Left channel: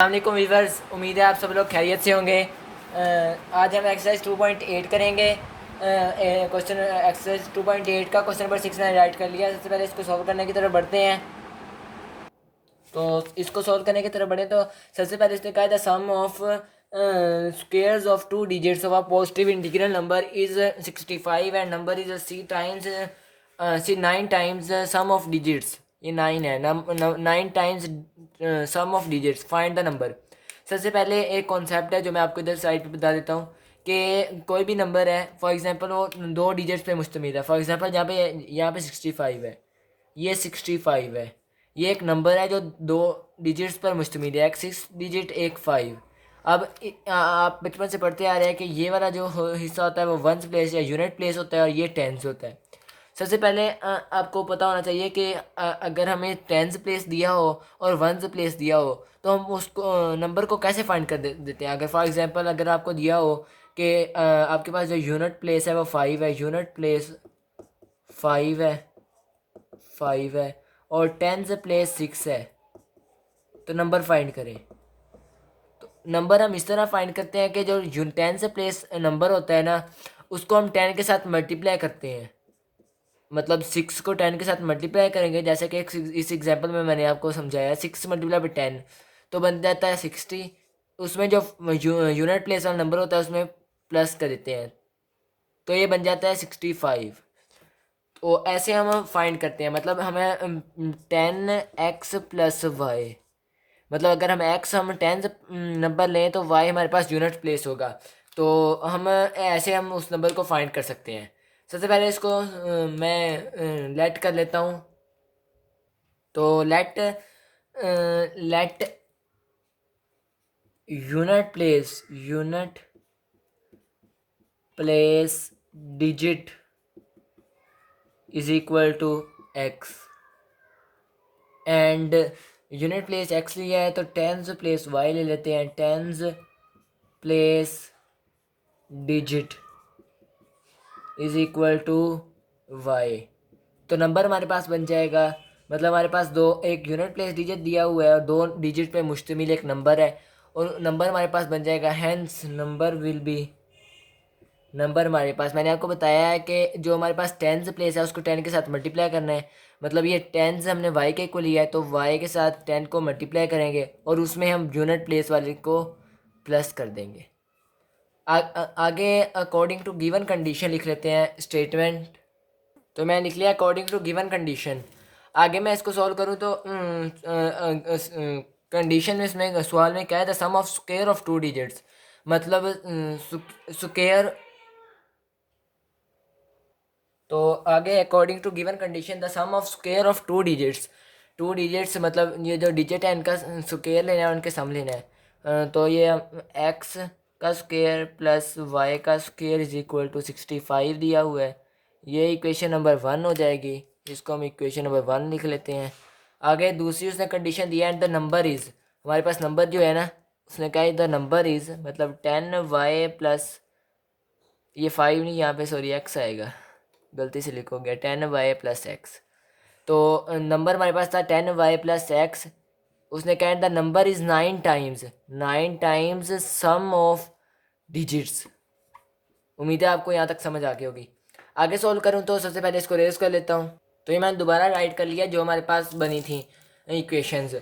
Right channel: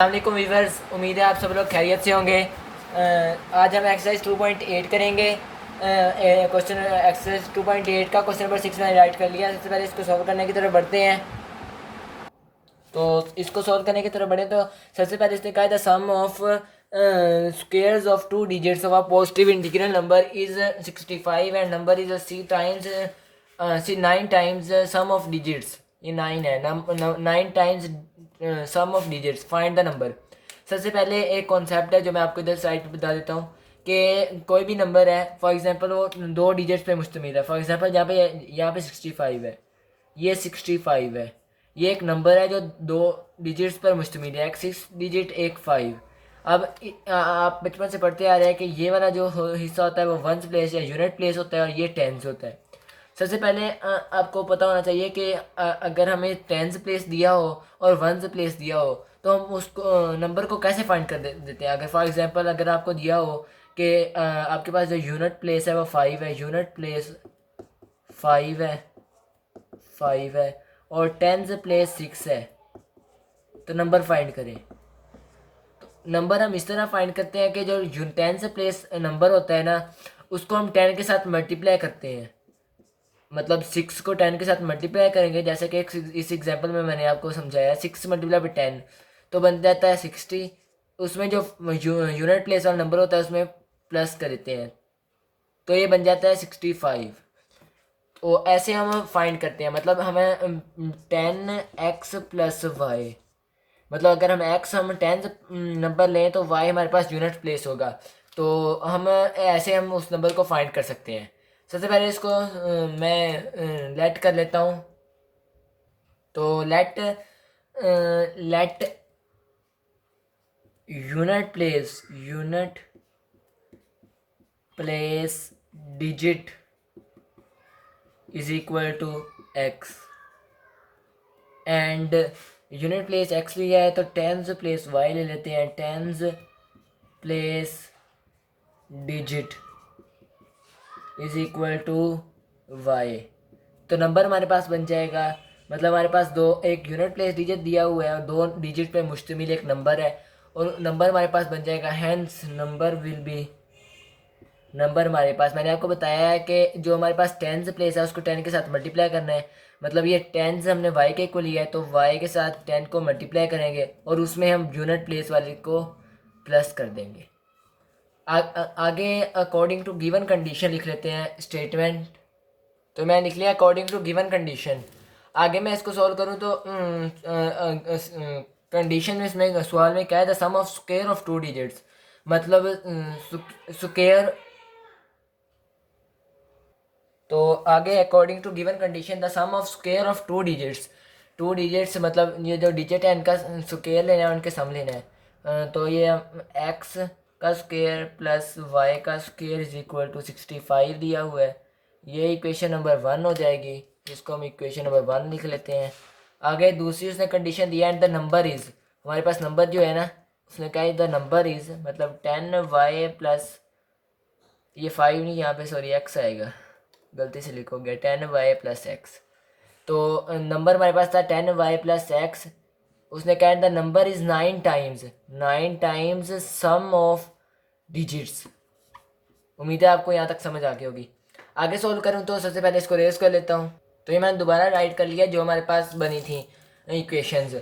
अस्सलामुअलैकुम वीवर्स, उम्मीद है आप सब लोग खैरियत से होंगे। आज हम एक्सरसाइज 2.8 करेंगे। क्वेश्चन एक्सरसाइज 2.8 का क्वेश्चन नंबर 6 मैंने राइट कर लिया। सबसे पहले इसको सॉल्व करने की तरफ बढ़ते हैं। तो इसको सॉल्व करने की तरफ बढ़े तो सबसे पहले इसने कहा था sum of squares of two digits of a positive integral number is 65 and number is c times c 9 times sum of digits. ये 9 है, 9 times sum of digits, find the number. सबसे पहले एक कॉन्सेप्ट है जो मैं आपको इधर साइड पे बता देता हूँ कि कोई भी नंबर है, फॉर एग्जांपल वो दो डिजिट्स पे मुश्तमिल है। फॉर एग्जांपल यहाँ पे 65 है, ये 65 है। ये एक नंबर है जो दो डिजिट्स पर मुश्तमिल है, एक 6 डिजिट एक 5। अब आप बचपन से पढ़ते आ रहे हैं कि ये वाला जो हिस्सा होता है वो वंस प्लेस या यूनिट प्लेस होता है और ये टेंस होता है। सबसे पहले आपको पता होना चाहिए कि अगर हमें टेंस प्लेस दिया हो और वंस प्लेस दिया हो तो हम उसको नंबर को कैसे फाइंड कर देते हैं। अगर फॉर एग्जांपल अगर आपको दिया हो कि आपके पास जो यूनिट प्लेस है वो 5 है, यूनिट प्लेस 5 है, 5 है और टेंस प्लेस 6 है, तो नंबर फाइंड करें। तो नंबर हम इस तरह फाइंड करते हैं कि जो टेंस प्लेस नंबर होता है ना, उसको हम 10 के साथ मल्टीप्लाई करते हैं। मतलब 6 को 10 के साथ मल्टीप्लाई करेंगे, जैसे कि इस एग्जांपल में मैंने आपको समझाया 6 मल्टीप्लाई बाई 10 तो बन जाता है 60। उसमें जो यूनिट प्लेस वाला नंबर होता है उसमें प्लस कर देते हैं, तो ये बन जाता है 65। तो ऐसे हम फाइंड करते हैं। मतलब हमें 10x प्लस वाई, मतलब अगर हम 10 नंबर लें तो y हमारे पास यूनिट प्लेस होगा। तो हम ऐसे हम उस नंबर को फाइंड कर सकते हैं। सबसे पहले इसको मैं लेट कर लेता हूँ। तो let unit place digit is equal to x and unit place x लिया है तो टेंस प्लेस y ले लेते हैं। Tens place digit is equal to y, तो नंबर हमारे पास बन जाएगा। मतलब हमारे पास दो, एक यूनिट प्लेस डिजिट दिया हुआ है और दो डिजिट पे मुश्तमिल एक नंबर है, और नंबर हमारे पास बन जाएगा। हैंस नंबर हमारे पास, मैंने आपको बताया है कि जो हमारे पास टेंस प्लेस है उसको 10 के साथ मल्टीप्लाई करना है। मतलब ये टेंस हमने y के इक्वल लिया है तो y के साथ 10 को मल्टीप्लाई करेंगे और उसमें हम यूनिट प्लेस वाले को प्लस कर देंगे। आगे अकॉर्डिंग टू गिवन कंडीशन लिख लेते हैं स्टेटमेंट। तो मैं लिख लिया अकॉर्डिंग टू गिवन कंडीशन। आगे मैं इसको सॉल्व करूँ तो कंडीशन में इसमें सवाल में क्या है, the sum of square of two digits. मतलब स्क्वायर, तो आगे according to given condition the sum of square of two digits मतलब ये जो डिजिट है इनका स्क्वायर लेना है, उनके सम लेना है। तो ये एक्स का स्क्वायर प्लस वाई का स्क्वायर इज इक्वल टू 65 दिया हुआ है। ये इक्वेशन नंबर 1 हो जाएगी, इसको हम इक्वेशन नंबर 1 लिख लेते हैं। आगे दूसरी उसने कंडीशन दिया एंड द नंबर इज़, हमारे पास नंबर जो है ना, उसने कहा द नंबर इज़ मतलब 10y प्लस, ये 5 नहीं, यहाँ पे सॉरी एक्स आएगा, गलती से लिखोगे 10y प्लस एक्स। तो नंबर हमारे पास था 10y प्लस एक्स। उसने कहा the number is 9 times sum of digits. उम्मीद है आपको यहाँ तक समझ आ गई होगी। आगे सॉल्व करूँ तो सबसे पहले इसको रेस कर लेता हूँ। तो ये मैंने दोबारा राइट कर लिया जो हमारे पास बनी थी इक्वेशंस।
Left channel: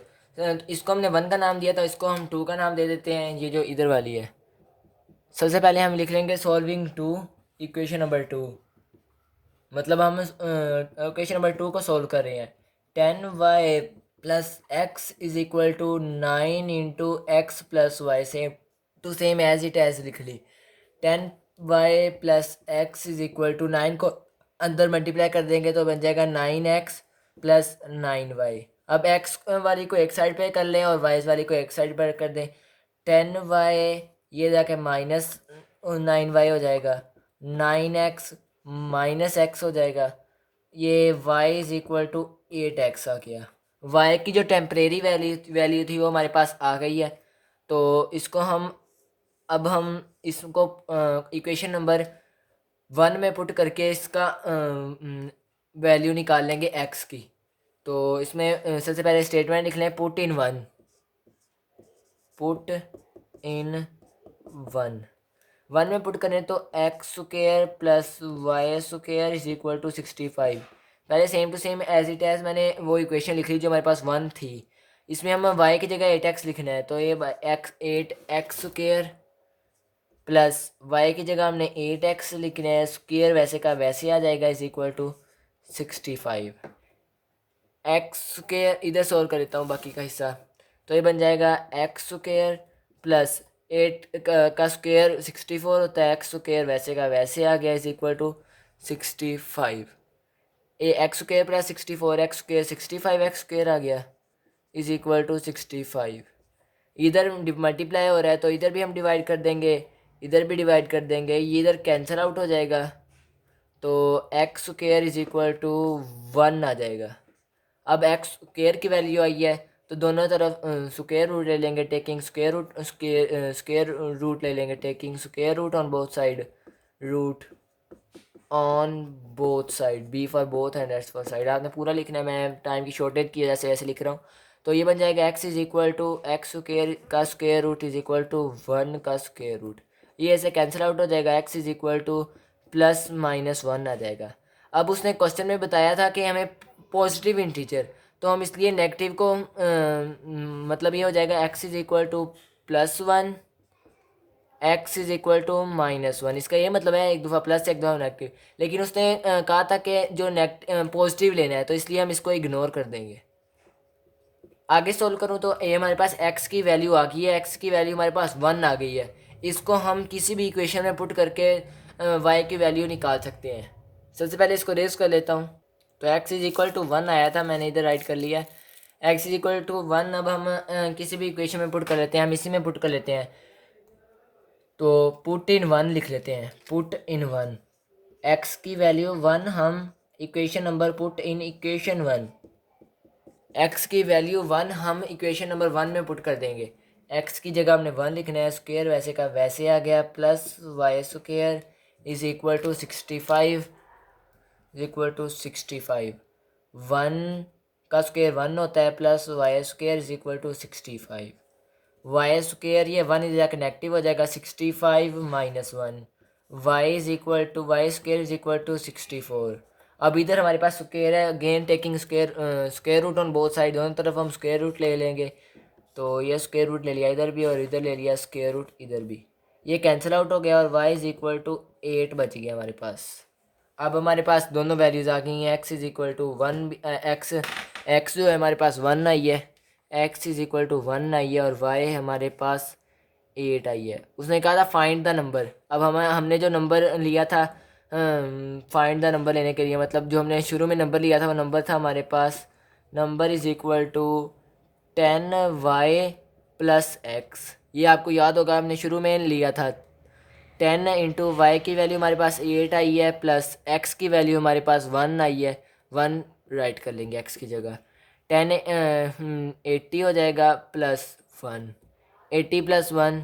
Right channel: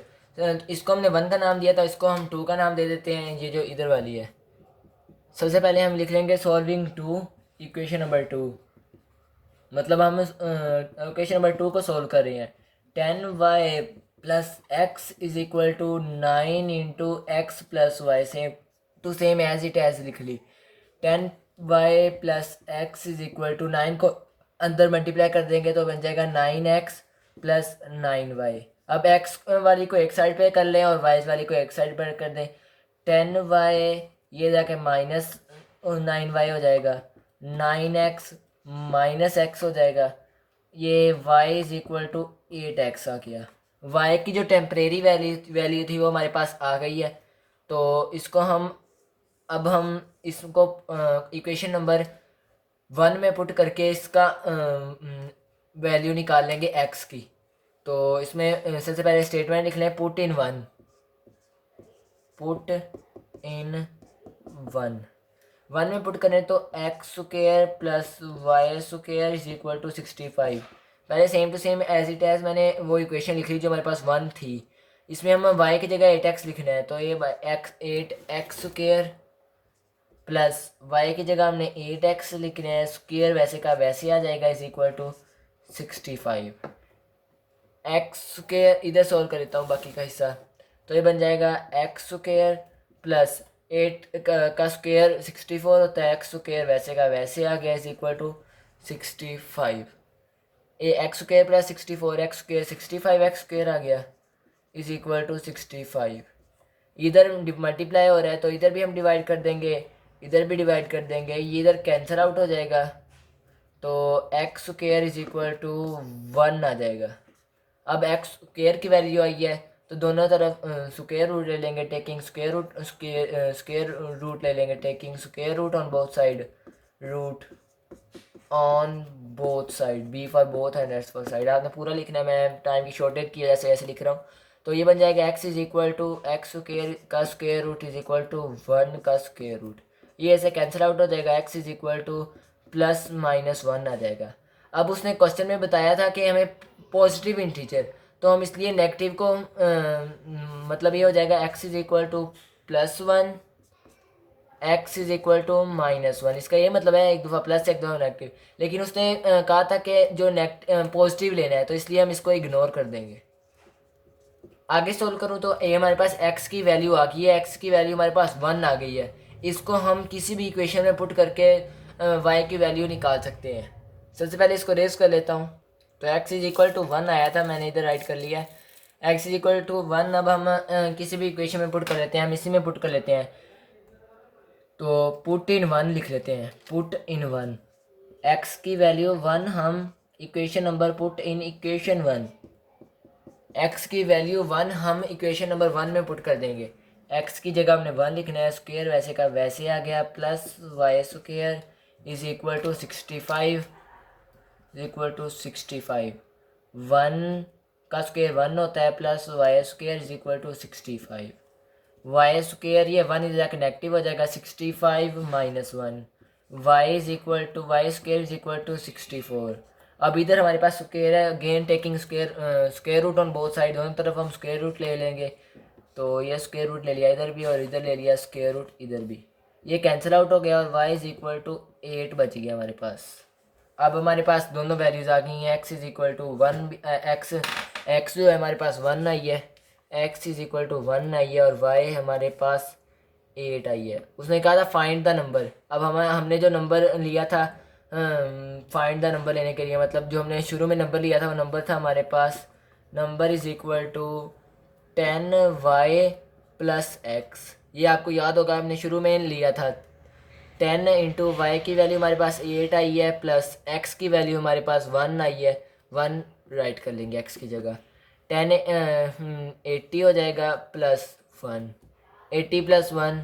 इसको हमने 1 का नाम दिया था, इसको हम 2 का नाम दे देते हैं, ये जो इधर वाली है। सबसे पहले हम लिख लेंगे सॉल्विंग टू इक्वेशन नंबर 2। मतलब हम इक्वेशन नंबर 2 को सॉल्व कर रहे हैं। 10y plus x is equal to 9 into x plus y, same to same as it as लिख ली। 10y plus x is equal to 9 को अंदर मल्टीप्लाई कर देंगे तो बन जाएगा 9x प्लस 9y। अब x वाली को एक साइड पे कर लें और y वाली को एक साइड पर कर दें। 10y ये जाके माइनस 9y हो जाएगा, 9x माइनस एक्स हो जाएगा। ये y is equal to 8x आ गया। y की जो टेम्परेरी वैल्यू थी वो हमारे पास आ गई है। तो इसको हम इसको इक्वेशन नंबर 1 में पुट करके इसका वैल्यू निकाल लेंगे x की। तो इसमें सबसे पहले स्टेटमेंट लिख लें put in 1। Put in one. One में पुट करें तो x square plus y square is equal to 65। पहले same to same as it as मैंने वो इक्वेशन लिख ली जो हमारे पास वन थी। इसमें हम वाई की जगह 8x लिखना है, तो ये x 8x square plus Y की जगह हमने 8x लिखना है, स्क्वायर वैसे का वैसे आ जाएगा, is equal to 65। X square इधर सॉल्व कर देता हूँ बाकी का हिस्सा, तो ये बन जाएगा एक्स स्क्वायर प्लस 8 का स्क्वायर 64 होता है, एक्स स्क्वायर वैसे का वैसे आ गया, is equal to 65। A x square plus 64 x square 65 x square आ गया, इज इक्वल टू 65। इधर मल्टीप्लाई हो रहा है तो इधर भी हम डिवाइड कर देंगे, इधर भी डिवाइड कर देंगे, ये इधर कैंसिल आउट हो जाएगा, तो x square is equal to 1 आ जाएगा। अब एक्स स्क्वायर की वैल्यू आई है तो दोनों तरफ स्क्वायर रूट ले लेंगे, टेकिंग स्क्वायर रूट ले लेंगे, taking square root on both side, root on both side, B for both and S for side. आपने पूरा लिखना है, मैं टाइम की शॉर्टेज की वजह से ऐसे लिख रहा हूँ। तो ये बन जाएगा x is equal to x square का square root is equal to 1 का स्क्वायर रूट, ये ऐसे कैंसिल आउट हो जाएगा, x is equal to plus minus 1 आ जाएगा। अब उसने क्वेश्चन में बताया था कि हमें पॉजिटिव इंटीजर, तो हम इसलिए नेगेटिव को मतलब ये हो जाएगा x is equal to plus 1 x is equal to minus 1। इसका ये मतलब है एक दफ़ा प्लस एक दफ़ा नेगेटिव, लेकिन उसने कहा था कि जो पॉजिटिव लेना है, तो इसलिए हम इसको इग्नोर कर देंगे। आगे सोल्व करूँ तो ये हमारे पास x की वैल्यू आ गई है, x की वैल्यू हमारे पास 1 आ गई है। इसको हम किसी भी इक्वेशन में पुट करके y की वैल्यू निकाल सकते हैं। सबसे पहले इसको रेस कर लेता हूँ, तो x इज इक्वल टू 1 आया था, मैंने इधर राइट कर लिया है x इज इक्वल टू 1। अब हम किसी भी इक्वेशन में पुट कर लेते हैं, हम इसी में पुट कर लेते हैं, तो पुट इन 1 लिख लेते हैं, पुट इन 1, x की वैल्यू 1 हम equation number put in equation 1, x की वैल्यू 1 हम इक्वेशन नंबर 1 में पुट कर देंगे, x की जगह हमने 1 लिखना है, स्क्वायर वैसे का वैसे आ गया, plus y square is equal to 65 is equal to 65। 1 का स्क्वायर 1 होता है, plus y square is equal to 65। Y square ये 1 इज नेगेटिव हो जाएगा, 65 minus 1, y is equal to y square is equal to 64। अब इधर हमारे पास स्क्वायर है, again taking square root on both side, दोनों तरफ हम स्क्वायर रूट ले लेंगे, तो ये स्क्वायर रूट ले लिया इधर भी और इधर ले लिया स्क्वायर रूट इधर भी, ये कैंसिल आउट हो गया और y इज इक्वल टू 8 बच गया हमारे पास। अब हमारे पास दोनों वैल्यूज़ आ गई हैं, x is equal to 1, x जो है हमारे पास 1 आई है, x इज इक्वल टू 1 आई है, और y हमारे पास 8 आई है। उसने कहा था फाइंड द नंबर। अब हमने जो नंबर लिया था फाइंड द नंबर लेने के लिए, मतलब जो हमने शुरू में नंबर लिया था वो नंबर था हमारे पास, number is equal to 10y plus x. ये आपको याद होगा हमने शुरू में लिया था, 10 इंटू वाई की वैल्यू हमारे पास 8 आई है, प्लस एक्स की वैल्यू हमारे पास 1 आई है, 1 राइट कर लेंगे एक्स की जगह, 10 80 हो जाएगा प्लस 1, 80 प्लस 1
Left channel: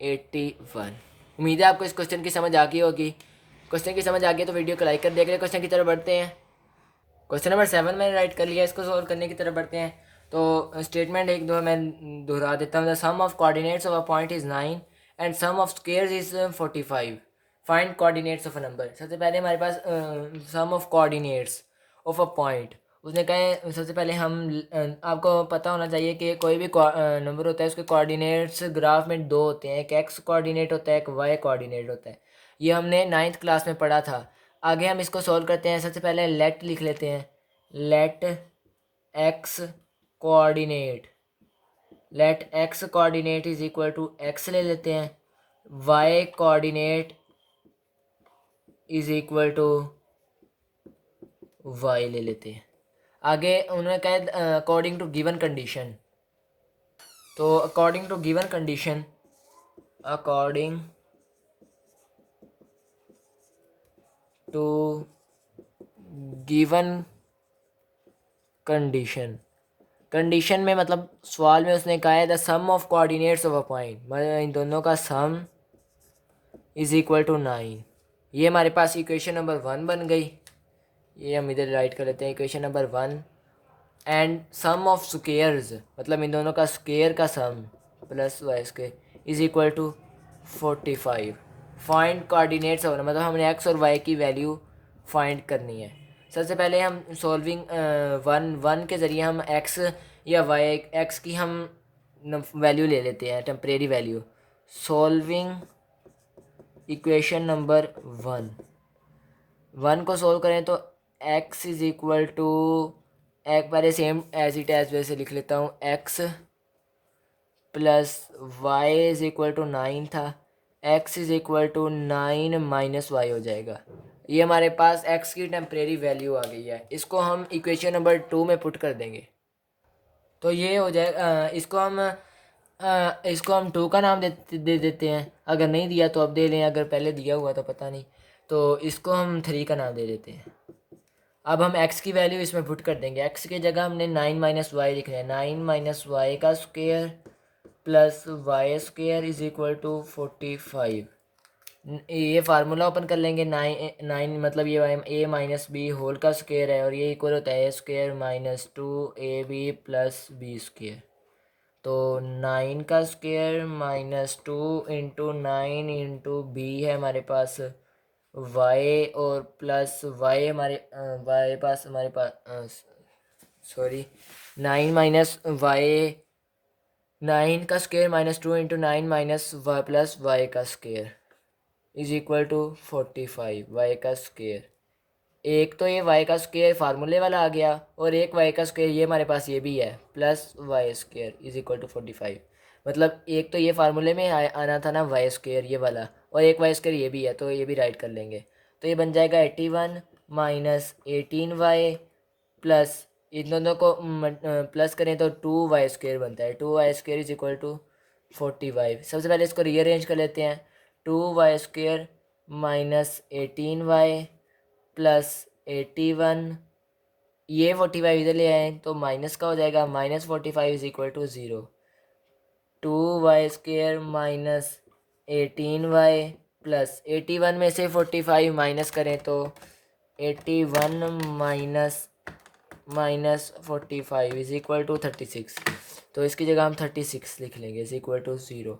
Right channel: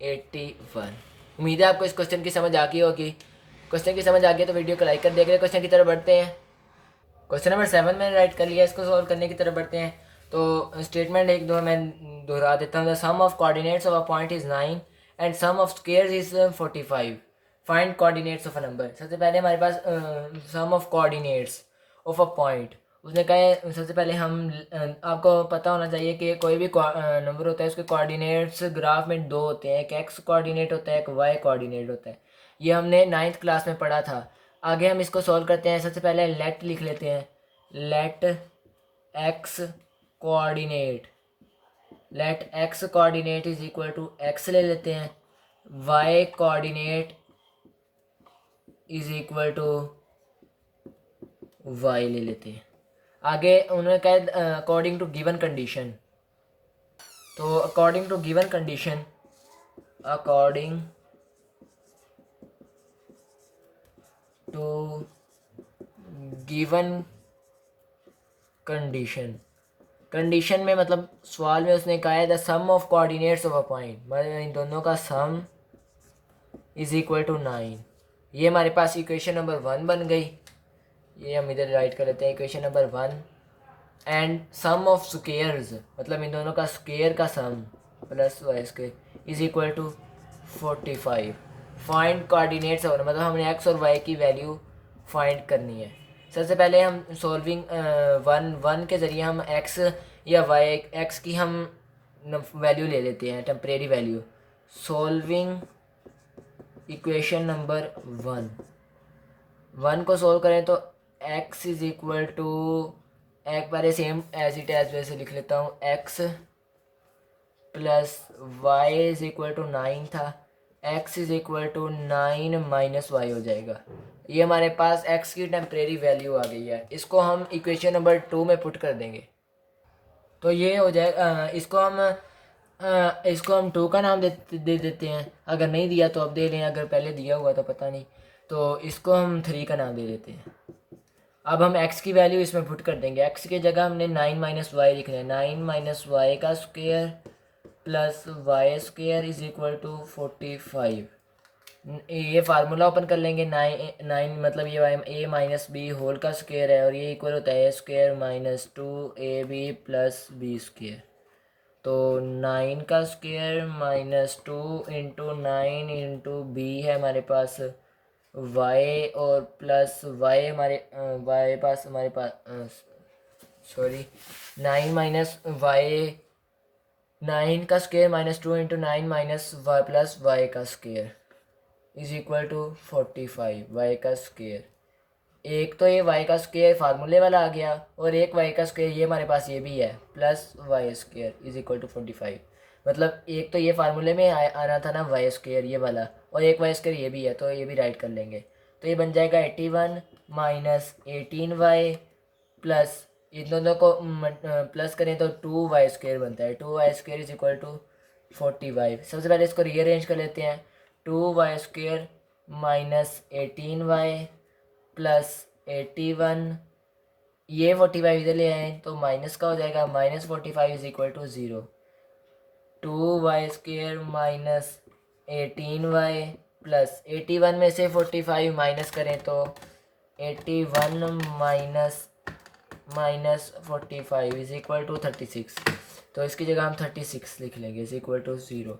81। उम्मीद है आपको इस क्वेश्चन की समझ आ गई होगी। क्वेश्चन की समझ आ गई तो वीडियो को लाइक कर दिया। अगले क्वेश्चन की तरफ बढ़ते हैं। क्वेश्चन नंबर 7 मैंने राइट कर लिया, इसको सॉल्व करने की तरफ बढ़ते हैं। तो स्टेटमेंट एक दो मैं दोहरा देता हूँ, the sum of coordinates of a point is 9 and sum of squares is 45, find coordinates of a number. सबसे पहले हमारे पास sum of coordinates of a point, उसने कहा है सबसे पहले हम आपको पता होना चाहिए कि कोई भी नंबर होता है उसके कोऑर्डिनेट्स ग्राफ में दो होते हैं, एक एक्स कोऑर्डिनेट होता है, एक वाई कोऑर्डिनेट होता है। ये हमने 9th क्लास में पढ़ा था। आगे हम इसको सॉल्व करते हैं। सबसे पहले लेट लिख लेते हैं, let x coordinate, let x coordinate is equal to x ले लेते हैं, y coordinate is equal to y ले लेते हैं। आगे उन्होंने कहा अकॉर्डिंग टू गिवन कंडीशन, तो according to given condition, according to given condition, condition में मतलब सवाल में उसने कहा है the sum of coordinates of a point, मतलब इन दोनों का सम इज इक्वल टू 9। ये हमारे पास इक्वेशन नंबर 1 बन गई, ये हम इधर राइट कर लेते हैं equation number 1। And sum of squares, मतलब इन दोनों का स्क्वेयर का sum, plus y square is equal to 45। Find coordinates और मतलब हमने एक्स और वाई की वैल्यू फाइंड करनी है। सबसे पहले हम सॉल्विंग वन के ज़रिए हम एक्स या वाई एक्स की हम वैल्यू ले लेते हैं, temporary value. Solving equation number one को सोल्व करें तो x इज इक्वल टू, एक पहले सेम एज इट एज वैसे लिख लेता हूँ, x plus y is equal to 9 था, x is equal to 9 minus y हो जाएगा। ये हमारे पास x की टेम्परेरी वैल्यू आ गई है। इसको हम इक्वेशन नंबर 2 में पुट कर देंगे तो ये हो जाएगा। इसको हम 2 का नाम दे देते हैं। अगर नहीं दिया तो अब दे लें, अगर पहले दिया हुआ तो पता नहीं, तो इसको हम 3 का नाम दे देते हैं। अब हम x की वैल्यू इसमें पुट कर देंगे। x की जगह हमने 9 माइनस वाई लिखना है। 9 माइनस वाई का square plus y square is equal to 45। ये फार्मूला ओपन कर लेंगे। 9 मतलब ये ए माइनस बी होल का स्क्वायर है और ये इक्वल होता है a square minus 2ab plus b square. तो 9 का square minus 2 into 9 into b है हमारे पास y, और प्लस y हमारे पास सॉरी 9 माइनस वाई, 9 का square minus 2 into 9 minus y plus y का square is equal to 45 y का स्क्वायर। एक तो ये y का स्क्वायर फार्मूले वाला आ गया और एक y का स्क्वायर ये हमारे पास ये भी है, plus y square is equal to 45। मतलब एक तो ये फार्मूले में आना था ना वाई स्क्वायर ये वाला, और एक वाई स्क्वायर ये भी है, तो ये भी राइट कर लेंगे। तो ये बन जाएगा 81 माइनस 18y प्लस इन दोनों को प्लस करें तो 2y स्क्वायर बनता है। 2y square is equal to 45। सबसे पहले इसको रीअरेंज कर लेते हैं। 2y square minus 18y plus 81, ये 45 इधर ले आए तो माइनस का हो जाएगा, minus 45 is equal to 0। 2y square minus 18y plus 81 में से 45 माइनस करें तो 81 माइनस 45 इज इक्वल टू 36। तो इसकी जगह हम 36 लिख लेंगे इज इक्वल टू 0।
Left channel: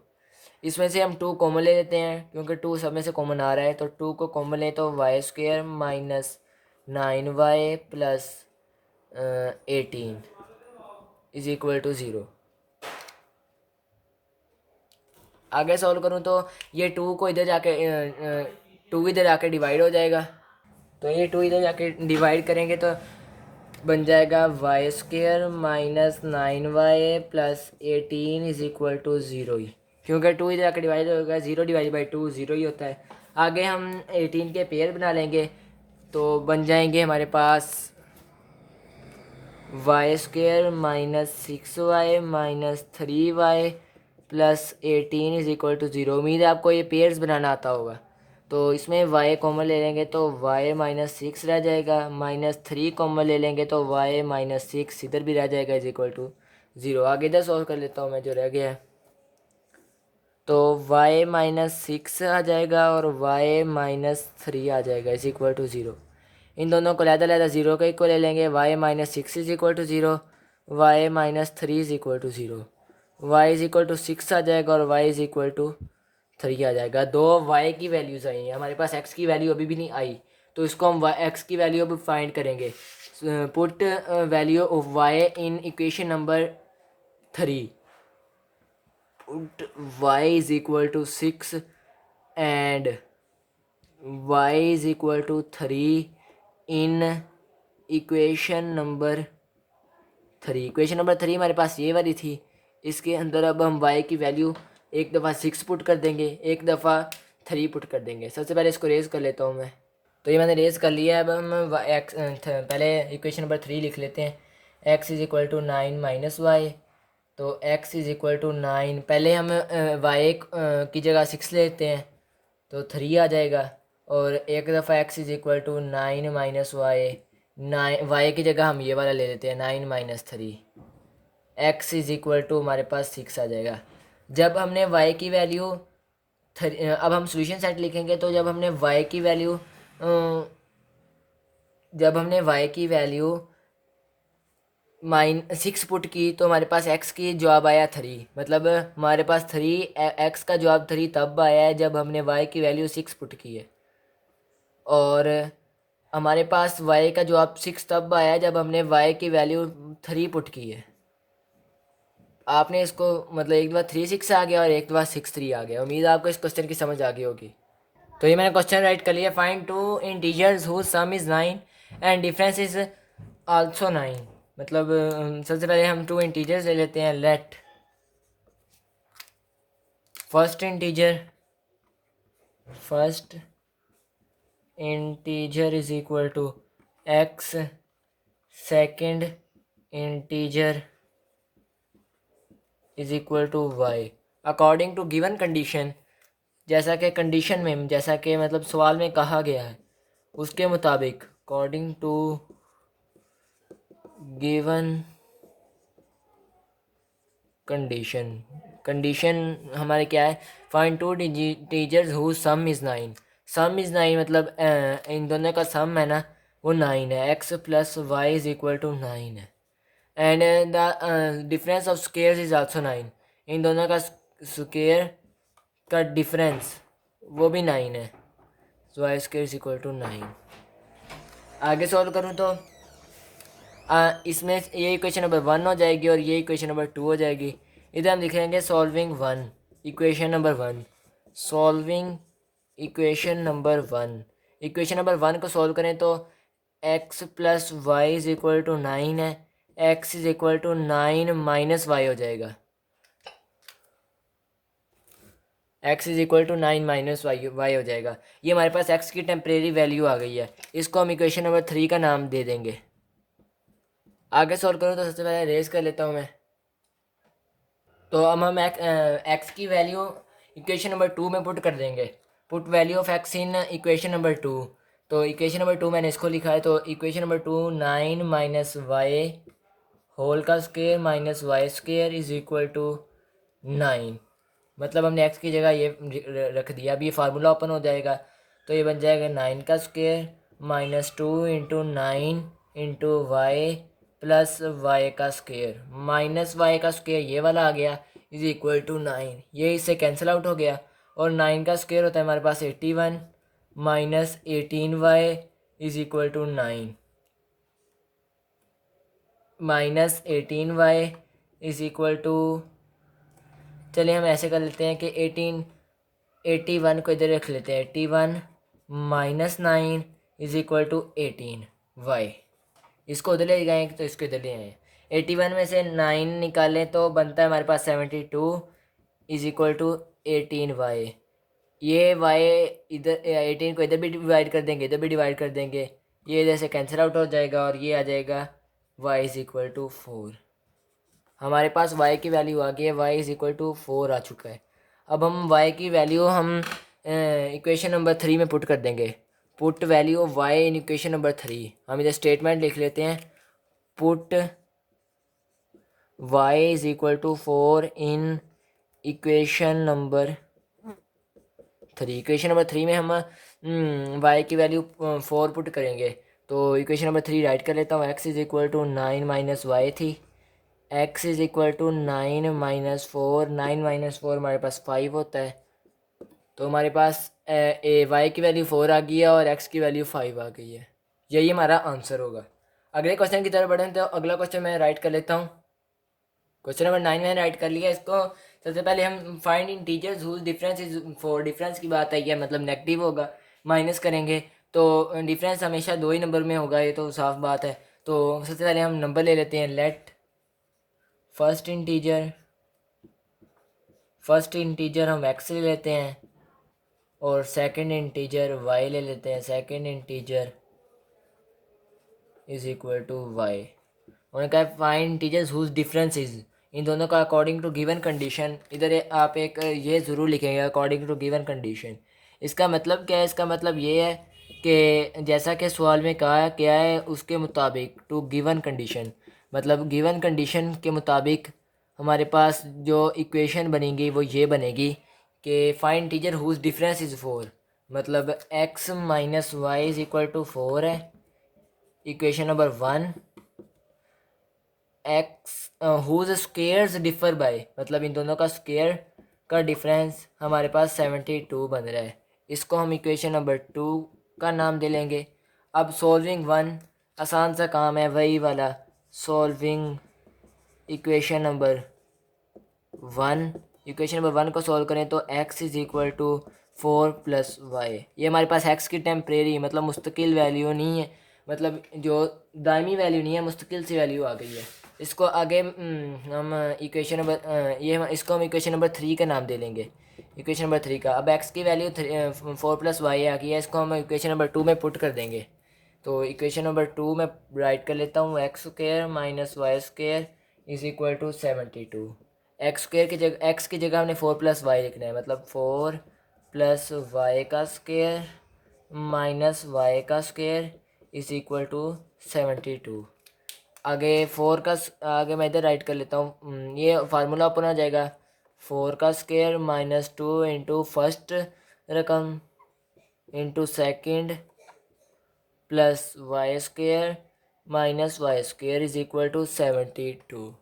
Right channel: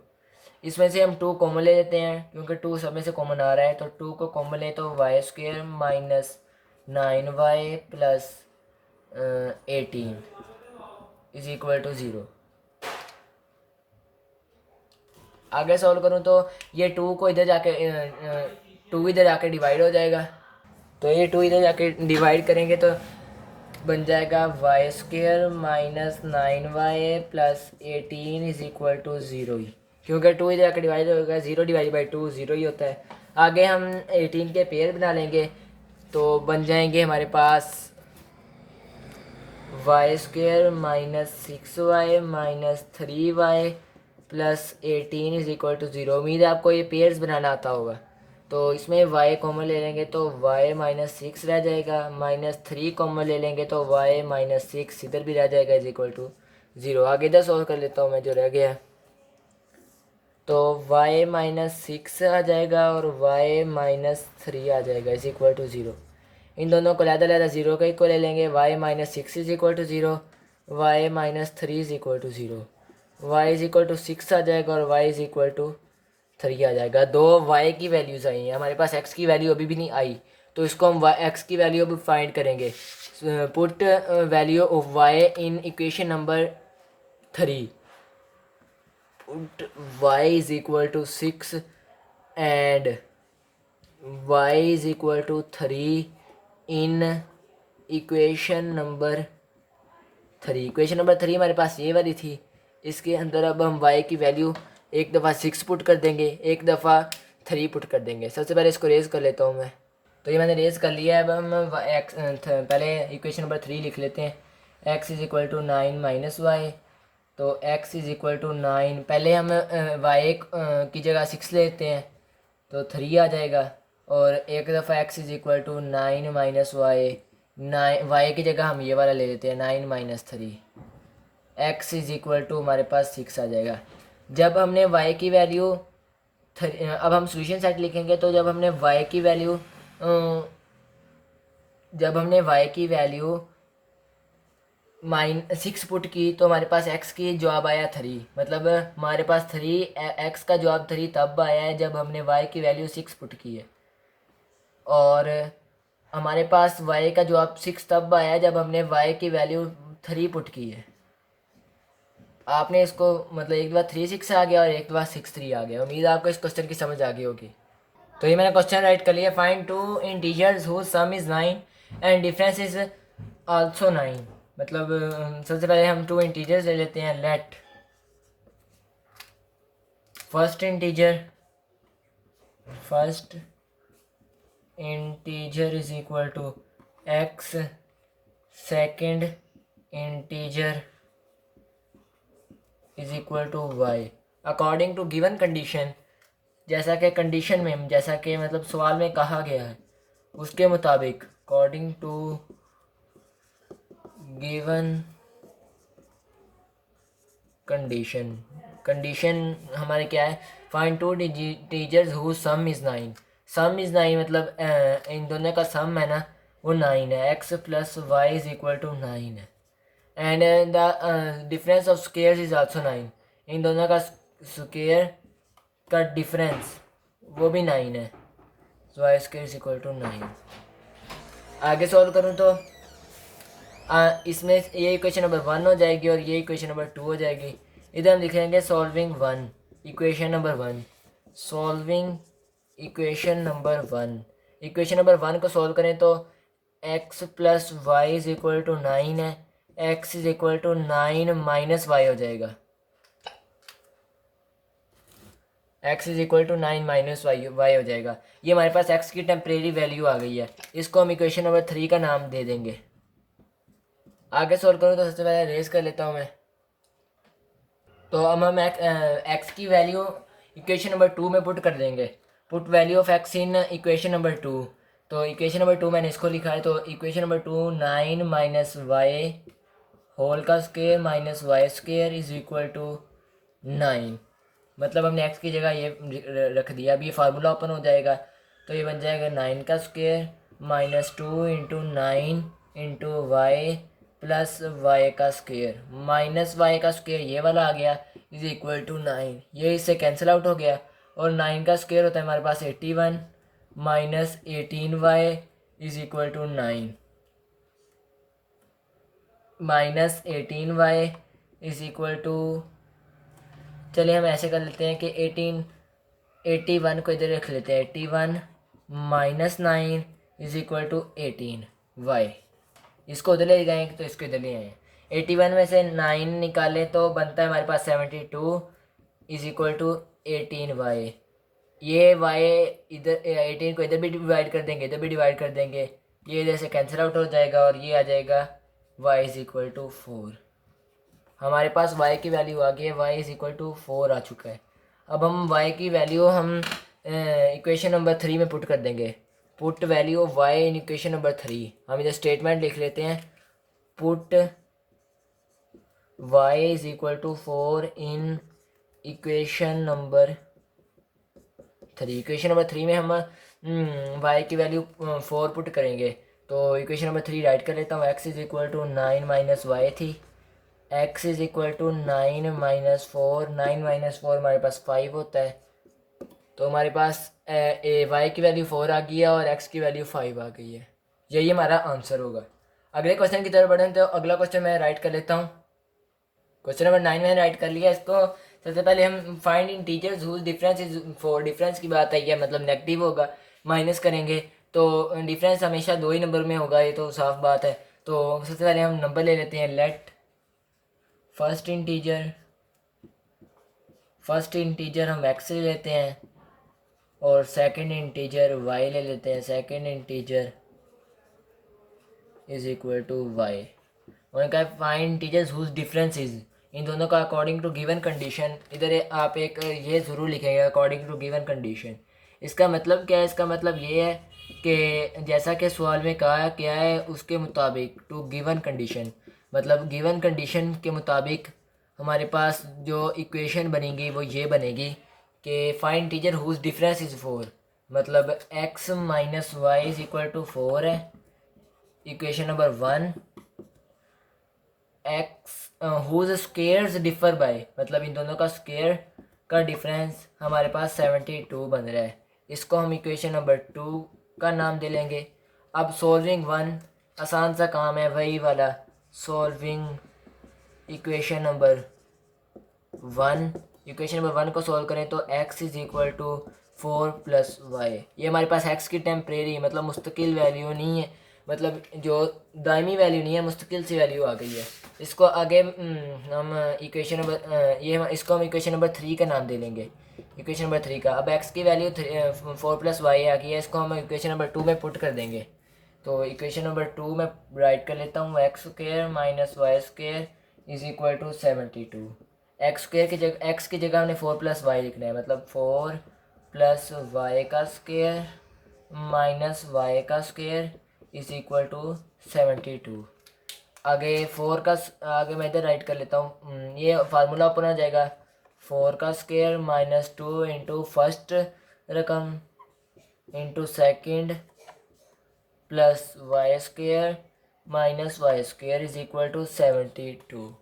इसमें से हम 2 कॉमन ले लेते हैं क्योंकि 2 सब में से कॉमन आ रहा है, तो 2 को कॉमन ले तो y square minus 9y plus 18 is equal to 0। आगे सॉल्व करूँ तो ये 2 को इधर जाके 2 इधर जाके डिवाइड हो जाएगा, तो ये 2 इधर जाके डिवाइड करेंगे तो बन जाएगा y square minus 9y plus 18 is equal to 0 ही, क्योंकि 2 इधर जाके डिवाइड होगा, 0 डिवाइड बाई 2 0 ही होता है। आगे हम 18 के पेयर बना लेंगे तो बन जाएंगे हमारे पास y square minus 6y minus 3y plus 18 is equal to 0। उम्मीद है आपको ये पेयर्स बनाना आता होगा। तो इसमें y कॉमन ले लेंगे तो y माइनस 6 रह जाएगा, माइनस 3 कॉमन ले लेंगे तो y माइनस 6 इधर भी रह जाएगा इज इक्वल टू 0। आगे इधर सॉल्व कर लेता हूँ मैं जो रह गया, तो y माइनस 6 आ जाएगा और y माइनस 3 आ जाएगा इज इक्वल टू 0। इन दोनों को लहदा 0 का इक्वल ले लेंगे। y minus 6 is equal to 0, y minus 3 is equal to 0। y is equal to 6 आ जाएगा और y इज इक्वल टू 3 आ जाएगा। दो y की वैल्यूज़ आई हैं, हमारे पास x की वैल्यू अभी भी नहीं आई, तो इसको हम x की वैल्यू अभी फाइंड करेंगे। Put value of y in equation number 3। Put y is equal to 6 and y is equal to 3 in equation number 3। Equation number 3 हमारे पास ये वाली थी। इसके अंदर अब हम y की वैल्यू एक दफ़ा 6 पुट कर देंगे, एक दफ़ा 3 पुट कर देंगे। सबसे पहले इसको रेज़ कर लेता हूँ मैं, तो ये मैंने रेज़ कर लिया है। अब हम पहले इक्वेशन नंबर 3 लिख लेते हैं। x is equal to 9 minus y, तो x इज़ इक्वल टू 9, पहले हम y की जगह 6 लेते हैं तो 3 आ जाएगा, और एक दफ़ा x is equal to 9 minus y, 9 y की जगह हम ये वाला ले लेते हैं 9 minus 3, x is equal to हमारे पास 6 आ जाएगा। जब हमने y की वैल्यू अब हम सोल्यूशन सेट लिखेंगे, तो जब हमने y की वैल्यू 6 पुट की तो हमारे पास x की जवाब आया 3। मतलब हमारे पास 3 x का जवाब 3 तब आया है जब हमने y की वैल्यू 6 पुट की है, और हमारे पास y का जवाब 6 तब आया है जब हमने y की वैल्यू 3 पुट की है। आपने इसको मतलब एक दफ़ा 3 6 आ गया और एक दफ़ा 6 3 आ गया। उम्मीद है आपको इस क्वेश्चन की समझ आ गई होगी। तो ये मैंने क्वेश्चन राइट कर लिया। Find two integers whose sum is 9 and difference is also 9। मतलब सबसे पहले हम 2 इंटीजर्स ले लेते हैं। Let first integer is equal to x, second integer is equal to y according to given condition. जैसा कि कंडीशन में, जैसा कि मतलब सवाल में कहा गया है उसके मुताबिक, अकॉर्डिंग टू गिवन कंडीशन हमारे क्या है, find two teachers who sum is 9। Sum is 9 मतलब इन दोनों का सम है ना वो 9 है। x plus y is equal to 9 है। And the difference of squares is also 9। इन दोनों का स्केयर का डिफरेंस वो भी 9 है। So y square is equal to 9। आगे सॉल्व करूँ तो इसमें ये इक्वेशन नंबर 1 हो जाएगी और ये इक्वेशन नंबर 2 हो जाएगी। इधर हम लिखेंगे solving 1, equation number 1। Solving equation number 1। Equation number 1 को सॉल्व करें तो x plus y is equal to 9 है। x is equal to 9 minus y हो जाएगा। x is equal to 9 minus y हो जाएगा। ये हमारे पास x की टेम्परेरी वैल्यू आ गई है। इसको हम इक्वेशन नंबर 3 का नाम दे देंगे। आगे सॉल्व करूँ तो सबसे पहले रेस कर लेता हूँ मैं। तो अब हम एक्स की वैल्यू इक्वेशन नंबर 2 में पुट कर देंगे। Put value of x in equation number 2। तो इक्वेशन नंबर 2 मैंने इसको लिखा है। तो equation number 2 9 minus y whole का square minus y square is equal to 9। मतलब हमने एक्स की जगह ये रख दिया। अब ये फार्मूला ओपन हो जाएगा तो ये बन जाएगा 9 का square minus 2 into 9 into y plus y का स्केयर माइनस वाई का स्केयर ये वाला आ गया इज इक्वल टू 9। ये इससे कैंसिल आउट हो गया और 9 का स्केयर होता है हमारे पास 81 minus 18y is equal to 9 minus 18y is equal to, चलिए हम ऐसे कर लेते हैं कि 81 को इधर रख लेते हैं। 81 minus 9 is equal to 18y। इसको उधर ले गए तो इसको इधर ले आए। 81 में से 9 निकालें तो बनता है हमारे पास 72 इज इक्वल टू 18y। ये y इधर 18 को इधर भी डिवाइड कर देंगे, इधर भी डिवाइड कर देंगे, ये इधर से कैंसिल आउट हो जाएगा और ये आ जाएगा y इज इक्वल टू 4। हमारे पास y की वैल्यू आ गई है, y इज इक्वल टू 4 आ चुका है। अब हम y की वैल्यू हम इक्वेशन नंबर 3 में पुट कर देंगे। Put value of y in equation number 3। हम इधर स्टेटमेंट लिख लेते हैं। Put y is equal to 4 in equation number 3। Equation number 3 में हम y की वैल्यू 4 पुट करेंगे। तो इक्वेशन नंबर 3 राइट कर लेता हूँ। x is equal to 9 minus y थी। x is equal to 9 minus 4। 9 minus 4 हमारे पास 5 होता है। तो हमारे पास y की वैल्यू 4 आ गई है और x की वैल्यू 5 आ गई है। यही हमारा आंसर होगा। अगले क्वेश्चन की तरफ बढ़ें तो अगला क्वेश्चन मैं राइट कर लेता हूँ। क्वेश्चन नंबर 9 मैंने राइट कर लिया। इसको सबसे पहले हम find integers whose difference is 4। Difference की बात है, यह मतलब नेगेटिव होगा। माइनस करेंगे तो डिफरेंस हमेशा 2 ही नंबर में होगा, ये तो साफ बात है। तो सबसे पहले हम नंबर ले लेते हैं। लेट फर्स्ट इंटीजर हम x ले लेते हैं और सेकंड इंटीजर y ले लेते हैं। Second integer is equal to y। उनका find integers whose difference is, इन दोनों का अकॉर्डिंग टू गिवन कंडीशन। इधर आप एक ये ज़रूर लिखेंगे अकॉर्डिंग टू गिवन कंडीशन। इसका मतलब क्या है? इसका मतलब ये है कि जैसा कि सवाल में कहा गया है उसके मुताबिक, टू गिवन कंडीशन मतलब गिवन कंडीशन के मुताबिक हमारे पास जो इक्वेशन बनेगी वो ये बनेगी कि find teacher whose difference is 4। मतलब x minus y is equal to 4 है, equation number 1। X whose squares differ by, मतलब इन दोनों का स्क्वेयर का डिफरेंस हमारे पास 72 बन रहा है। इसको हम इक्वेशन नंबर 2 का नाम दे लेंगे। अब सॉल्विंग 1 आसान सा काम है, वही वाला solving equation number 1। Equation number 1 को सॉल्व करें तो x is equal to 4 plus y. ये हमारे पास x की टेम्परेरी मतलब मुस्तकिल वैल्यू नहीं है, मतलब जो दायमी वैल्यू नहीं है, मुस्तकिल सी वैल्यू आ गई है। इसको आगे हम इक्वेशन नंबर ये इसको हम इक्वेशन नंबर 3 का नाम दे लेंगे। इक्वेशन नंबर 3 का अब x की वैल्यू 4 प्लस वाई आ गई है, इसको हम इक्वेशन नंबर 2 में पुट कर देंगे। तो इक्वेशन नंबर 2 में राइट कर लेता हूँ, x square minus y square is equal to 72। X square की जगह एक्स की जगह हमने 4 प्लस वाई लिखना है, मतलब 4 प्लस वाई का स्क्वेयर माइनस वाई का स्क्वेयर इज इक्वल टू 72। आगे 4 का आगे मैं इधर राइट कर लेता हूँ, ये फार्मूला अपन आ जाएगा 4 का स्क्वेयर माइनस 2 इंटू फर्स्ट रकम into second plus y square minus y square is equal to 72।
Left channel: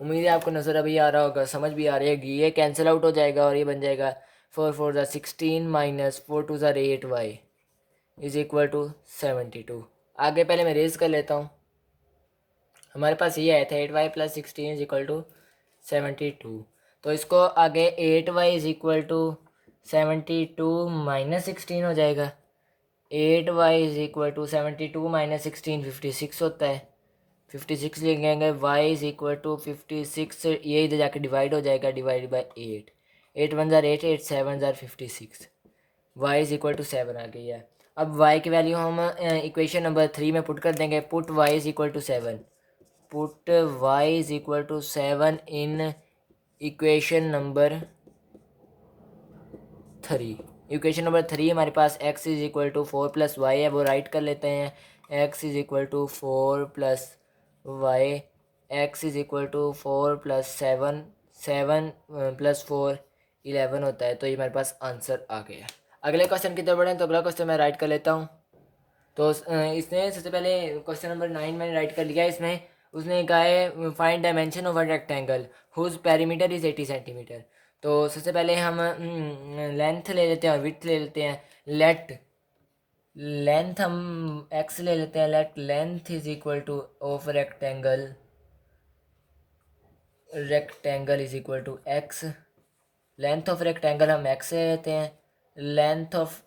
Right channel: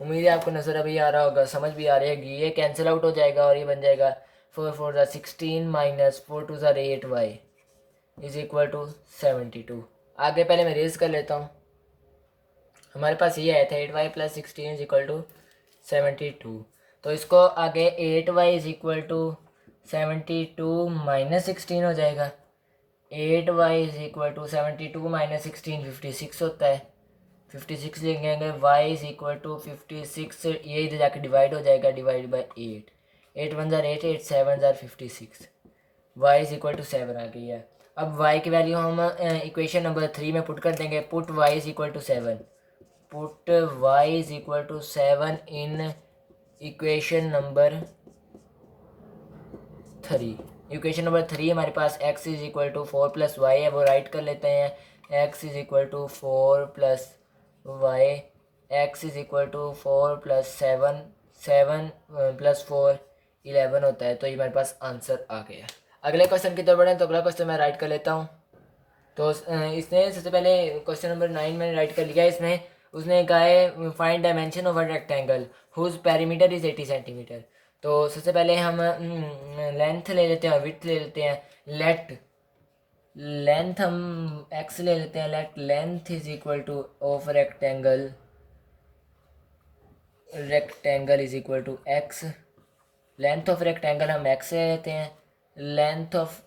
उम्मीद है आपको नज़र अभी आ रहा होगा, समझ भी आ रही है। ये कैंसिल आउट हो जाएगा और ये बन जाएगा 4 4 ज़ा 16 माइनस 4 2 ज़ा 8 वाई इज इक्वल टू 72। आगे पहले मैं रेज कर लेता हूँ। हमारे पास ये आया था 8y plus 16 is equal to 72। तो इसको आगे 8y is equal to 72 minus 16 हो जाएगा। 8y is equal to 72 minus 16 56 होता है। 56 लिखेंगे y इज इक्वल टू 56, ये इधर जाके डिवाइड हो जाएगा, डिवाइड बाई 8। 8 1 ज़ार 8, 8 7 ज़ार 56, y इज इक्वल टू 7 आ गई है। अब y की वैल्यू हम इक्वेशन नंबर 3 में पुट कर देंगे। Put y is equal to 7, put y is equal to 7 in equation number 3। Equation number 3 हमारे पास x is equal to 4 plus y है, वो राइट कर लेते हैं। x is equal to 4 plus y, x is equal to 4 plus 7, 7 plus 4 11 होता है। तो ये हमारे पास आंसर आ गया। अगले क्वेश्चन की तरफ बढ़ें तो अगला क्वेश्चन मैं राइट कर लेता हूँ। तो इसने सबसे पहले क्वेश्चन नंबर 9 मैंने राइट कर लिया। इसमें उसने कहा है find dimension of a rectangle whose perimeter is 80 centimetre. तो सबसे पहले हम लेंथ ले लेते हैं और विड्थ ले लेते हैं। लेंथ हम x ले लेते हैं। Let length is equal to of rectangle is equal to x। Length of rectangle हम x ले लेते हैं। लेंथ ऑफ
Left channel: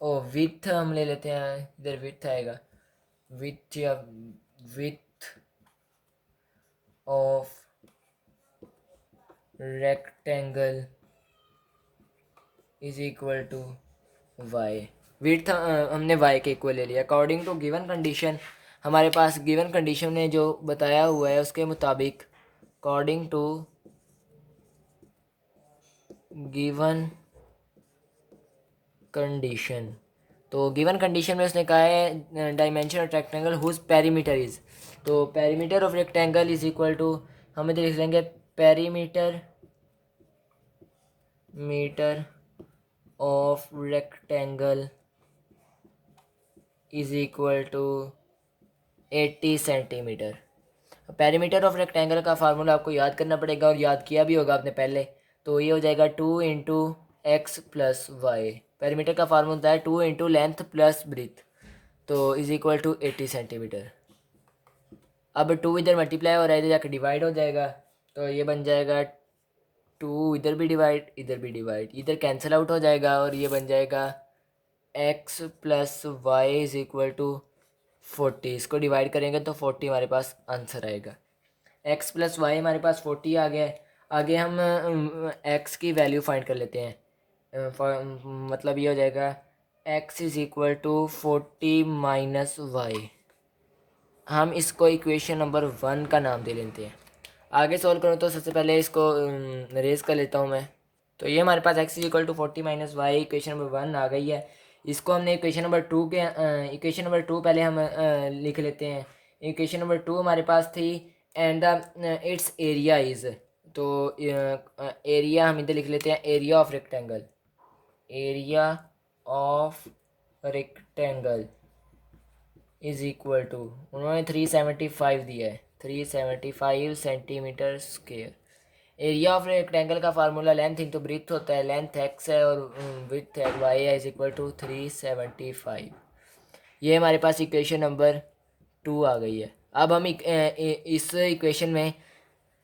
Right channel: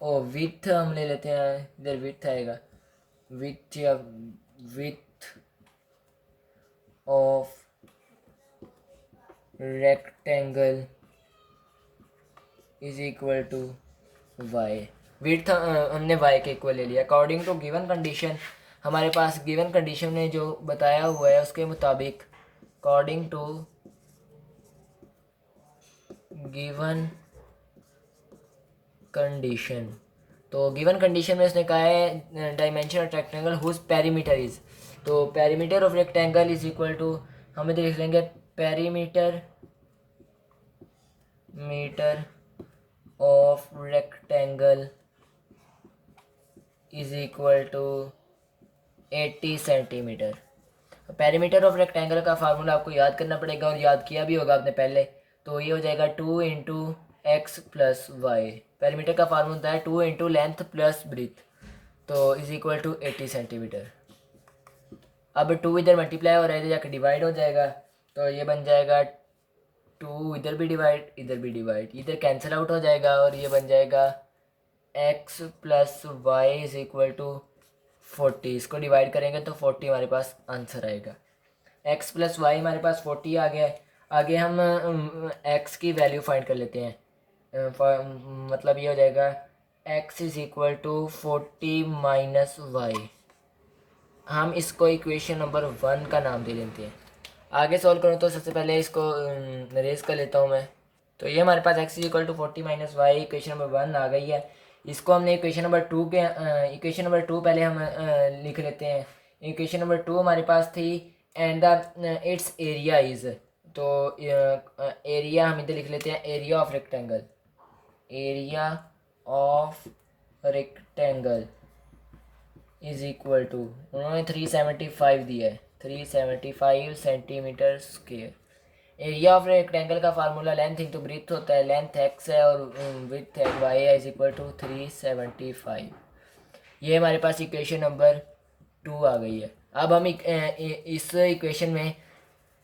विथ हम ले लेते हैं, इधर विथ आएगा, विथ या width of rectangle is equal to y. Width हमने वाई के इक्वल ले लिया। अकॉर्डिंग टू गिवन कंडीशन, हमारे पास गिवन कंडीशन ने जो बताया हुआ है उसके मुताबिक, अकॉर्डिंग टू गिवन कंडीशन, तो गिवन कंडीशन में उसने कहा है dimension of rectangle whose perimeter is, तो perimeter of rectangle is equal to हम इधर लिख लेंगे perimeter metre of rectangle is equal to 80 centimetre. Perimeter of rectangle का फार्मूला आपको याद करना पड़ेगा और याद किया भी होगा आपने पहले। तो ये हो जाएगा 2 into x plus y. Perimeter का फार्मूला होता है 2 इंटू लेंथ प्लस ब्रीथ, तो इज इक्वल टू 80 सेंटीमीटर। अब 2 इधर मल्टीप्लाई हो रहा है, इधर जाकर डिवाइड हो जाएगा, तो ये बन जाएगा 2 इधर भी डिवाइड, इधर भी डिवाइड, इधर कैंसिल आउट हो जाएगा और ये बन जाएगा x plus y is equal to 40। इसको डिवाइड करेंगे तो 40 हमारे पास आंसर आएगा। x प्लस वाई हमारे पास 40 आ गया है। आगे हम x की वैल्यू फाइंड कर लेते हैं। मतलब ये हो जाएगा x is equal to 40 minus y. हम इसको इक्वेशन नंबर 1 का नाम दे लेते हैं। आगे सॉल्व करूँ तो सबसे पहले इसको रेज कर लेता हूँ मैं। तो ये हमारे पास x is equal to 40 minus y equation number 1 आ गई है। इसको हमने इक्वेशन नंबर 2 के इक्वेशन नंबर 2 पहले हम लिख लेते हैं। इक्वेशन नंबर 2 हमारे पास थी and the its area is, तो एरिया हम इधर लिख लेते हैं area of rectangle. Area of rectangle is equal to, उन्होंने 375 दिया है, 375 centimetre square. Area of rectangle का फार्मूला लेंथ इंटू ब्रीथ होता है, लेंथ एक्स है और विड्थ है वाई है, इज इक्वल टू 375। ये हमारे पास इक्वेशन नंबर 2 आ गई है। अब हम इस इक्वेशन में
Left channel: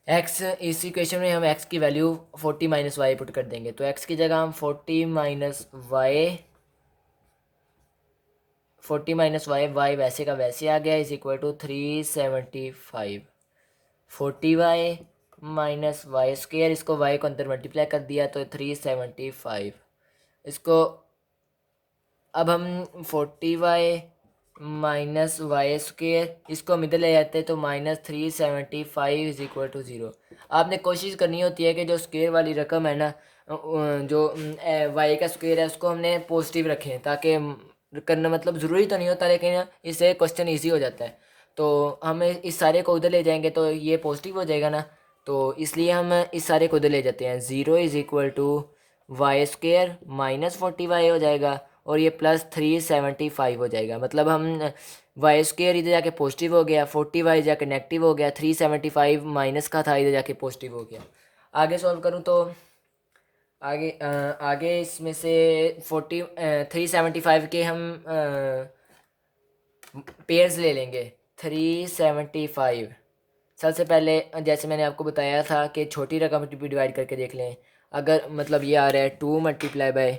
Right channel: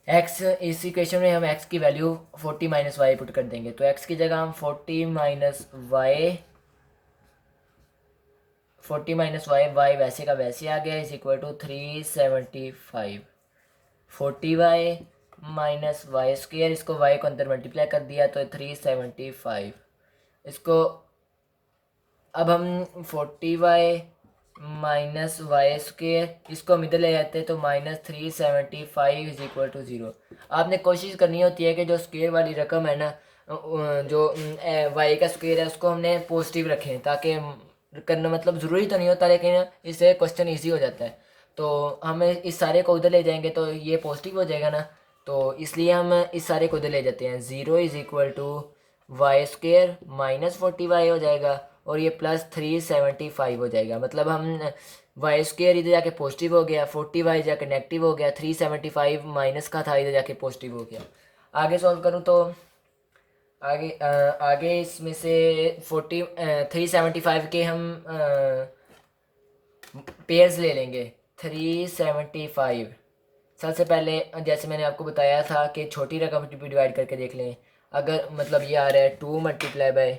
इस इक्वेशन में हम x की वैल्यू 40 माइनस वाई पुट कर देंगे। तो x की जगह हम 40 माइनस वाई वाई वैसे का वैसे आ गया, is equal to 375। 40y minus y square, इसको y को अंदर मल्टीप्लाई कर दिया तो 375। इसको अब हम 40y माइनस वाई स्क्वेयर, इसको हम इधर ले जाते हैं तो -375 इज इक्वल टू 0। आपने कोशिश करनी होती है कि जो स्क्वेयर वाली रकम है ना, जो वाई का स्क्वेयर है उसको हमने पॉजिटिव रखें, ताकि करना मतलब ज़रूरी तो नहीं होता लेकिन इससे क्वेश्चन ईजी हो जाता है। तो हम इस सारे को उधर ले जाएंगे तो ये पॉजिटिव हो जाएगा ना, तो इसलिए हम इस सारे को उधर ले जाते हैं। 0 is equal to y square minus 40y हो जाएगा और ये प्लस 375 हो जाएगा। मतलब हम वाई स्क्वेयर इधर जाके पॉजिटिव हो गया, 40y जाके नेगेटिव हो गया, 375 माइनस का था इधर जाके पॉजिटिव हो गया। आगे सॉल्व करूँ तो आगे इसमें से 375 के हम पेयर्स ले लेंगे। 375 सबसे पहले जैसे मैंने आपको बताया था कि छोटी रकम भी डिवाइड करके देख लें। अगर मतलब ये आ रहा है 2 मल्टीप्लाई बाय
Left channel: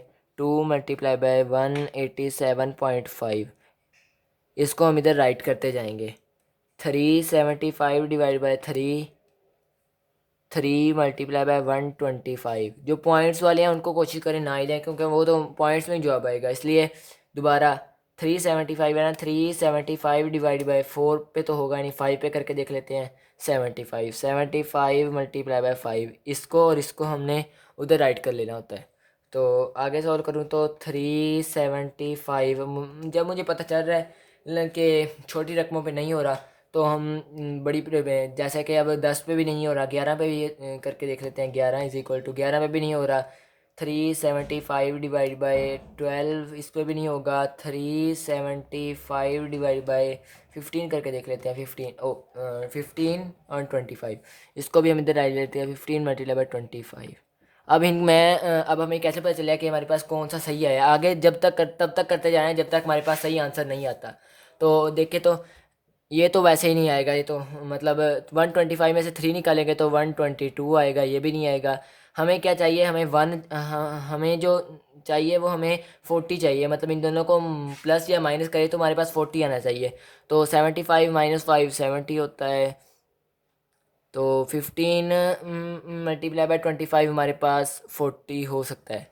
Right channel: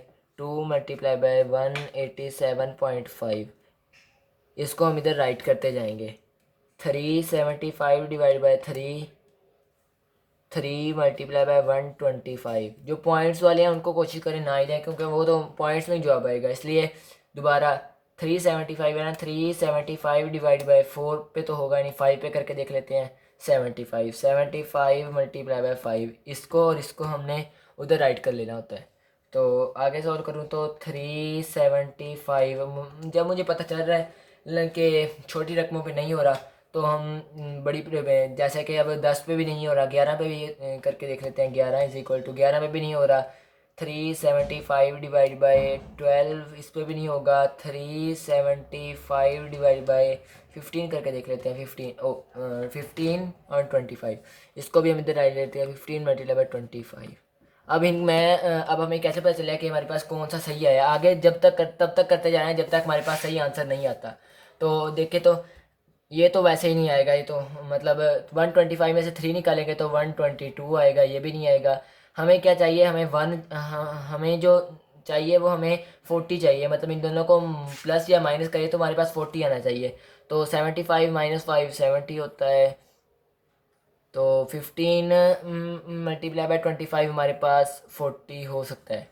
187.5, इसको हम इधर राइट करते जाएंगे। 375 डिवाइड बाय 3 मल्टीप्लाई बाय 125। जो पॉइंट्स वाले हैं उनको कोशिश करें ना ही दें, क्योंकि वो तो पॉइंट्स में जवाब आएगा, इसलिए दोबारा 375 है ना, 375 डिवाइड बाय 4 पे तो होगा नहीं, 5 पे करके देख लेते हैं। 75 मल्टीप्लाई बाय 5, इसको और इसको हमने उधर राइट कर लेना होता है। तो आगे सॉल्व करूँ तो 375 जब मुझे पता चल रहा है कि छोटी रकमों पे नहीं हो रहा तो हम बड़ी पे, जैसे कि अब 10 पे भी नहीं हो रहा, 11 पे भी करके देख लेते हैं। 11 इज इक्वल टू 11 पे भी नहीं हो रहा। 375 डिवाइड बाय 12, इस पे भी नहीं होगा। 375 डिवाइड बाय 15 करके देख लेते हैं। 15 और 25, इसको भी हम इधर डाल लेते हैं। 15 मल्टीप्लाई बाय 25। अब हमें कैसे पता चलेगा कि हमारे पास कौन सा सही है? आगे तब तक करते जाएँ जब तक हमारे पास सही आंसर नहीं आता। तो देखें तो ये तो वैसे ही नहीं आएगा, ये तो मतलब 125 में से 3 निकालेंगे तो 122 आएगा, ये भी नहीं आएगा। हमें क्या चाहिए? हमें जो चाहिए वो हमें 40 चाहिए, मतलब इन दोनों को प्लस या माइनस करें तो हमारे पास 40 आना चाहिए। तो 75 माइनस 5 70 होता है। तो 15 मल्टीप्लाई बाय 25 हमारे पास 40 हो सकता है।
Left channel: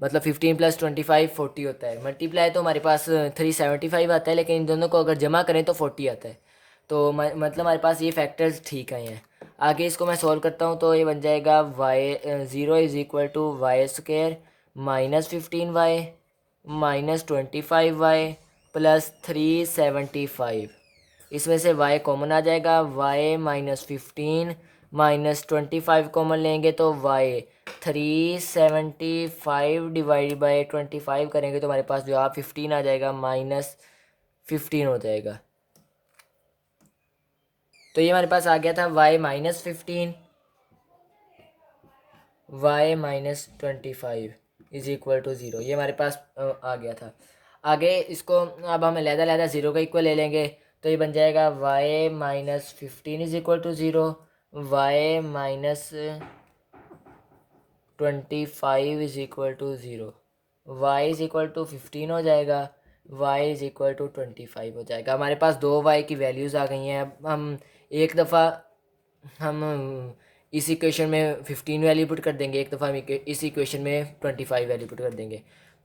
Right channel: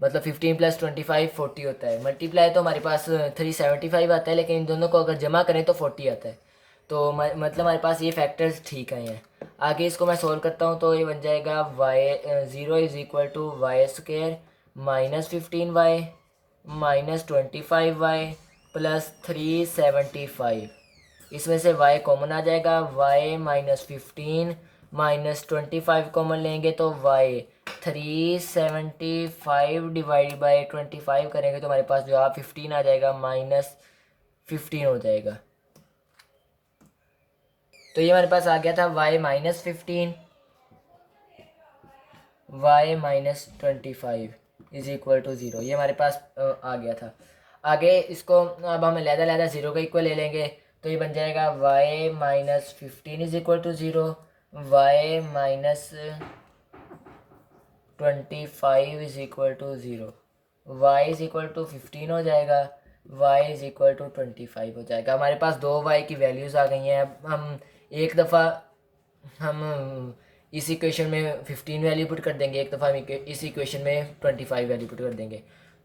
मतलब 15 प्लस 25 40 होता है। मल्टीप्लाई तो हमारे पास 375 आता है, लेकिन इन दोनों को अगर जमा करें तो 40 आता है। तो मतलब हमारे पास ये फैक्टर्स ठीक आए हैं। आगे इसको मैं सॉल्व करता हूँ तो ये बन जाएगा y 0 is equal to y square minus 15y minus 25y plus 375। इसमें से y कॉमन आ जाएगा। y माइनस 15 माइनस 25 कॉमन लेंगे तो y 375 डिवाइड बाई 25 करेंगे तो हमारे पास जवाब 15 आ जाएगा, -15 हो जाएगा। तो ये हमारे पास आ गया था y minus 15 y minus 25 is equal to 0। ये हमारे पास आ गया था। आगे इसको अब हम लहदा 0 का इक्वल ले लेंगे तो ये बन जाएगा y minus 15 is equal to 0, y minus 25 is equal to 0, y is equal to 15 हो जाएगा, y इज इक्वल टू 25 हो जाएगा। हमारे पास दो y की वैल्यूज़ आ गई हैं। अब हम एक दफ़ा हम इस इक्वेशन में 15 वैल्यू पुट कर देंगे, एक दफ़ा हम इस इक्वेशन में 25 वैल्यू पुट कर देंगे।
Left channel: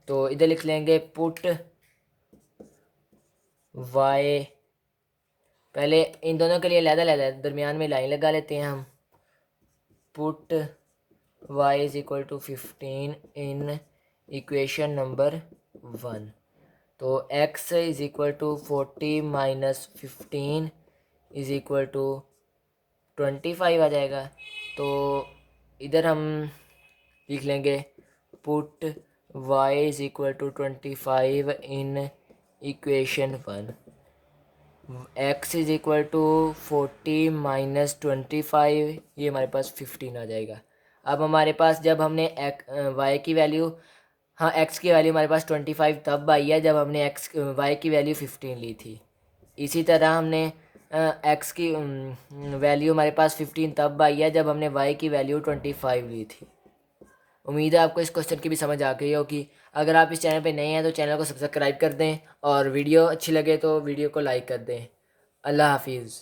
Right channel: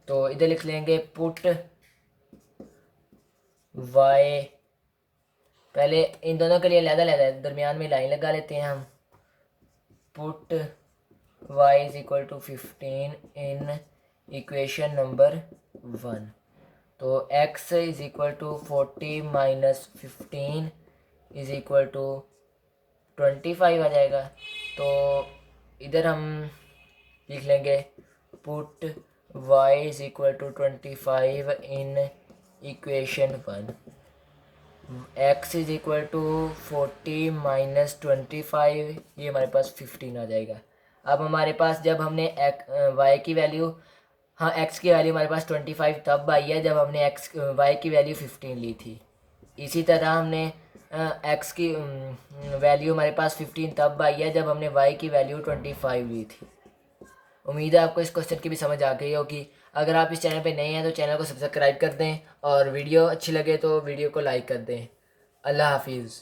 तो इधर लिख लेंगे पुट y, पहले इन दोनों के लिए अलग दरमियान में लाइन लगा लेते हैं हम। Put y is equal to 15 in equation number 1। तो x is equal to 40 minus 15 is equal to 25 आ जाएगा। तो इधर हम लिख लेंगे put y is equal to 25 in equation 1। x is equal to 40 minus 25, ये हमारे पास 15 आ जाएगा। अब हमारे पास जब हमने y की वैल्यू, हाँ x की वैल्यू हमारे पास 25 तब आई है जब हमने y की वैल्यू 15 ली थी। इसी तरह हमने x की वैल्यू हमारे पास 15 तब आई है जब हमने y की वैल्यू 25 ली थी। उम्मीद है आपको इस क्वेश्चन की भी समझ आ गई होगी। अगर आप इस चैनल पे नए हैं तो चैनल को सब्सक्राइब कर दें और वीडियो अच्छी लगे तो वीडियो को लाइक कर दें। अल्लाह हाफिज़।